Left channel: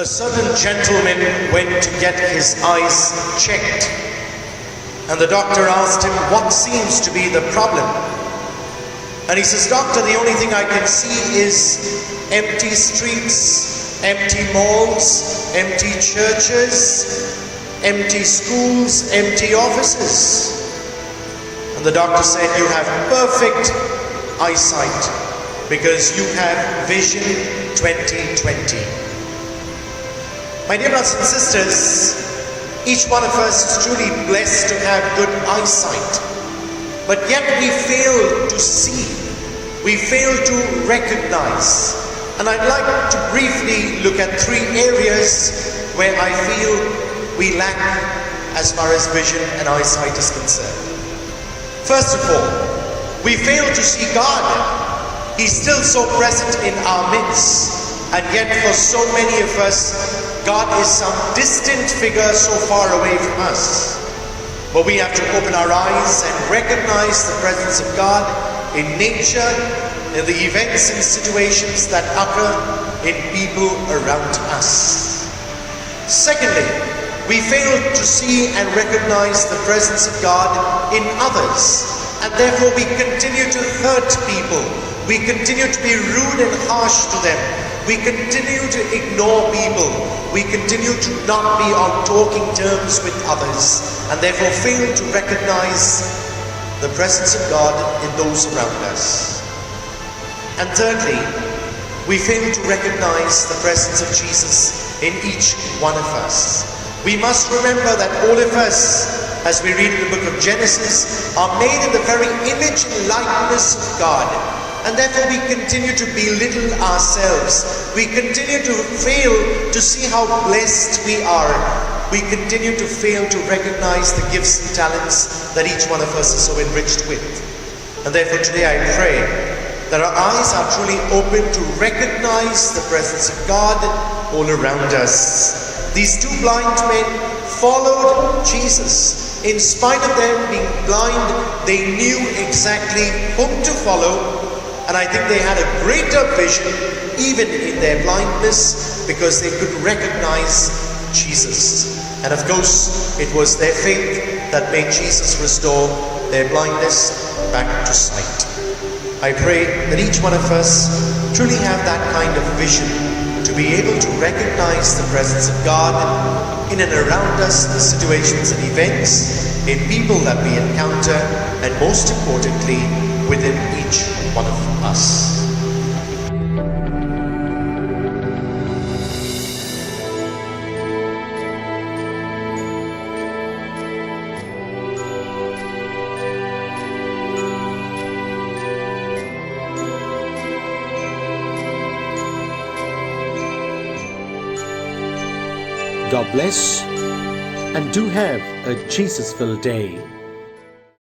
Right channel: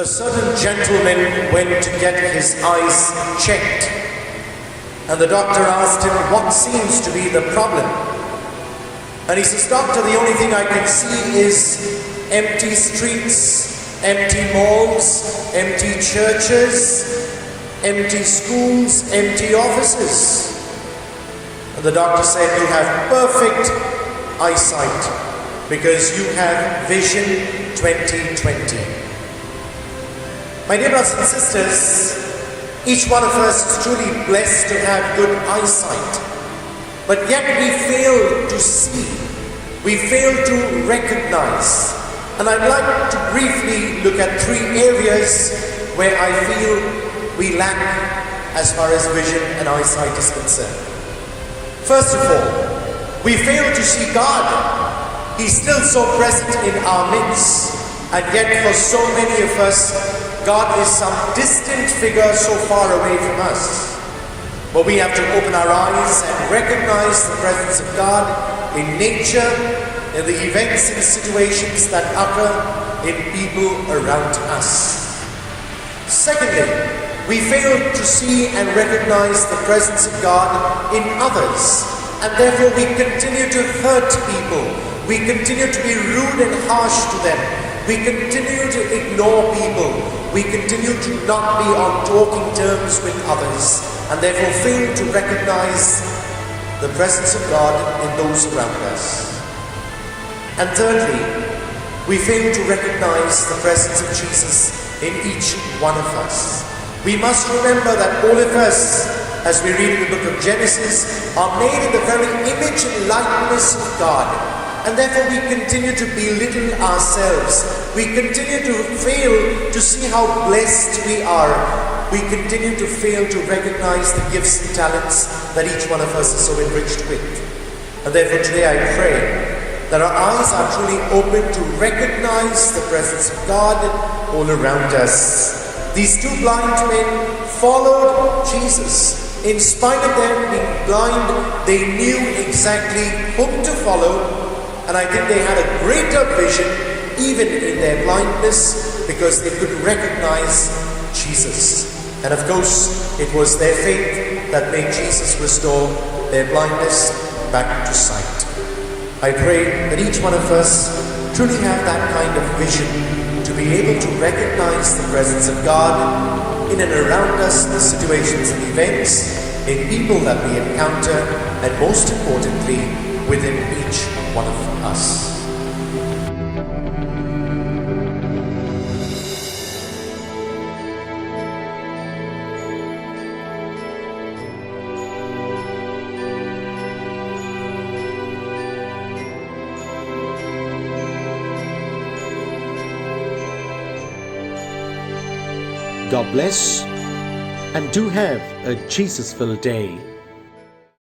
A certain gentleman went to get his eyes checked, and the doctor asked him, "What seems to be the problem?" And he says, "Doctor, the only thing I can see is empty streets, empty malls, empty churches, empty schools, empty offices." And the doctor said, "You have perfect eyesight because you have Vision 2020. My dear brothers and sisters, each one of us is truly blessed to have good eyesight, but yet we fail to see, we fail to recognize. And I'd like to briefly look at 3 areas where I feel we lack as far as vision and eyesight is concerned. First of all, we fail to see God. He's still so present in our midst, and yet for so many of us, God is some distant figure so far away from us. But we have to open our eyes and recognize the presence of God in nature, in the events and situations that occur in people around us. Secondly, we fail to see and recognize the presence of God in others, and therefore we continue to hurt people. We continue to be rude and harsh to them. We continue to ignore people. We continue to not be on talking terms with others, and therefore fail to recognize the presence of God in those around us. And thirdly, we fail to recognize the presence of Jesus in each one of us. We must remember that all of us, as we read in the book of Genesis, are made in the very image and likeness of God. And therefore we continue to belittle ourselves. We continue to fail to see how blessed we are. We continue to fail to recognize the gifts and talents that each one of us is so enriched with. And therefore today I pray that our eyes are truly open to recognize the presence of God all around us. These 2 blind men followed Jesus. In spite of them being blind, they knew exactly whom to follow. And I think they had a greater vision even in their blindness because they could recognize Jesus. And of course, it was their faith that made Jesus restore their blindness back to sight. I pray that each one of us truly have that kind of vision to be able to recognize the presence of God in and around us, the situations and events, in people that we encounter, and most importantly, within each one of us. God bless, and do have a Jesus-filled day.